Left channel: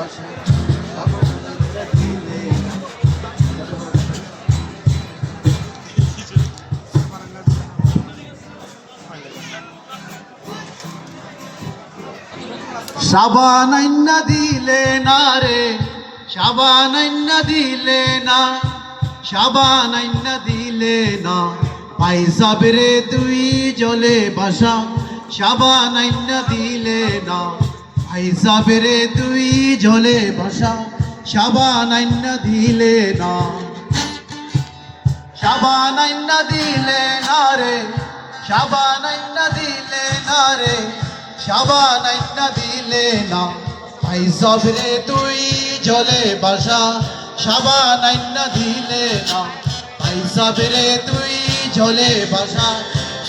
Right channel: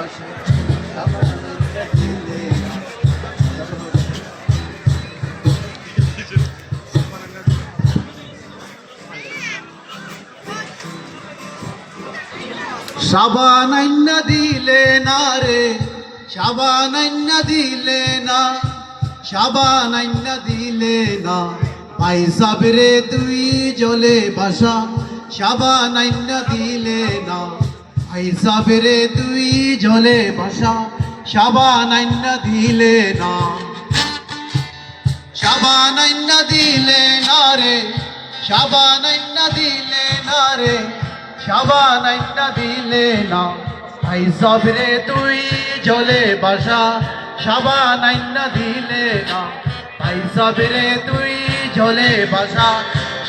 বাসা সাবান আইনা দিলে না। সাবান আইনা দিলে না রে, সাবান আইনা দিলে না, সাবান আইনা দিলে না, ভাই সাবরে তুই জলে বাসা সাবান আইনা দিলে না, ভাই সাবরে তুই জলে বাসা সাবান আইনা দিলে না। সাবান আইনা দিলে না রে, সাবান আইনা দিলে না রে, সাবান আইনা দিলে না, ভাই সাবরে তুই জলে বাসা সাবান আইনা দিলে না, ভাই সাবরে তুই জলে বাসা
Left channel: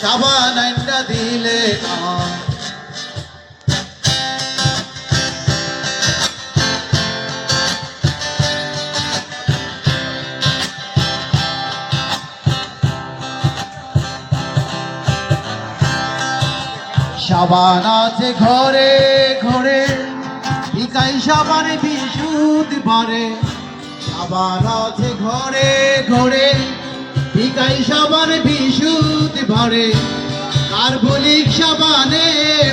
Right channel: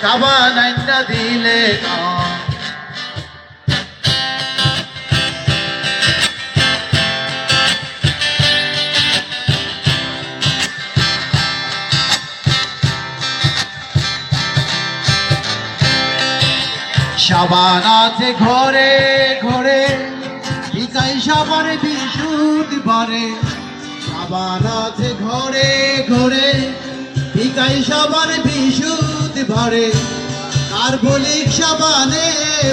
সাবান আইনা দিলে না। সাবান আছে ঘরে ঘরে, বিকাই সাবান বৃহস্পতিবারে, সাবান আছে ঘরে ঘরে, বিকাই সাবান বৃহস্পতিবারে, কার্বলিক সাবানে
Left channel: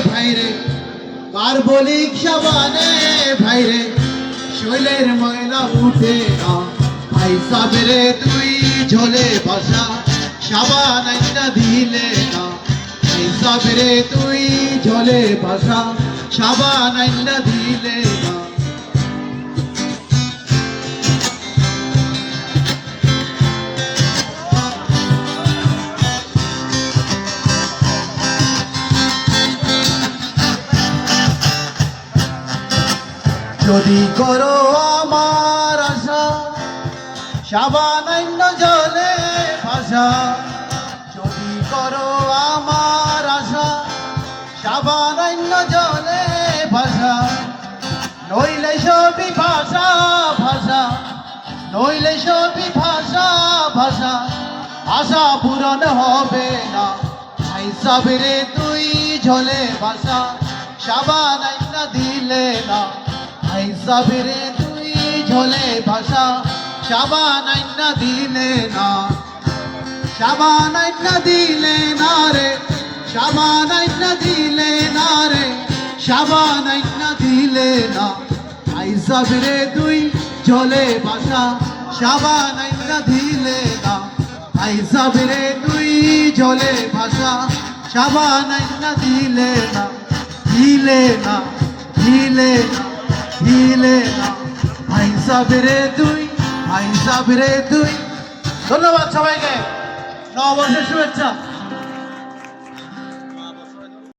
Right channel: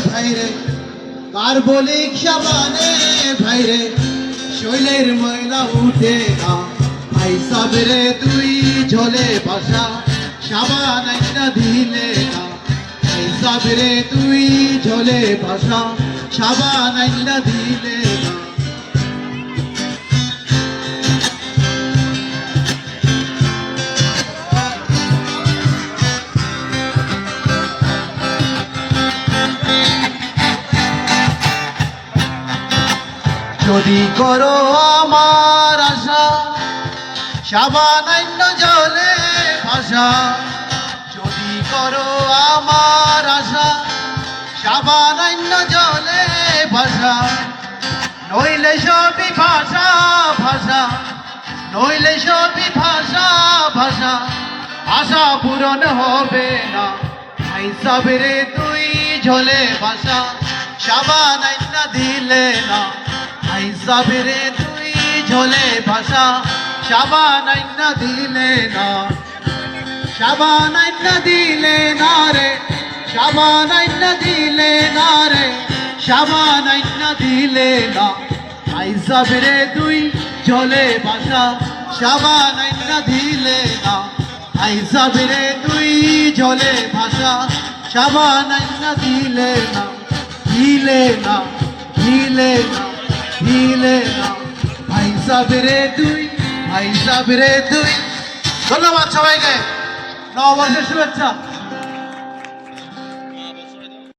ভাইরে, কার্বলিক সাবানে ভাইরে, শৈলের ময়লা উঠে না, ভাই সাবরে তুই ঝোলে বাসা সাবান আইনা দিলে না, ভাই সাবরে তুই ঝোলে বাসা সাবান আইনা দিলে না। যদি করো আমার আশা সাবান আইনা জলে ভাসা, যদি করো আমার আশা সাবান আইনা জলে ভাসা, নইলে সবই ভাষা ভাষা, নইলে সবই ভাষা ভাষা, আশা পূরণ হবে না, ভাই সাবরে তুই ঝোলে ভাষা সাবান আইনা দিলে না, ভাই সাবরে তুই ঝোলে ভাষা সাবান আইনা দিলে না। সাবান আইনা দিলে না রে, সাবান আইনা দিলে না রে, সাবান আইনা দিলে না, ভাই সাবরে তুই ঝোলে ভাষা সাবান আইনা দিলে না, ভাই সাবরে তুই ঝোলে ভাষা সাবান আইনা দিলে না, দিলে না, দিলে না, দিলে না, ভাই সাবরে তুই, ভাই সাবরে তুই। ধন্যবাদ সবাইকে, নববর্ষের শুভেচ্ছা।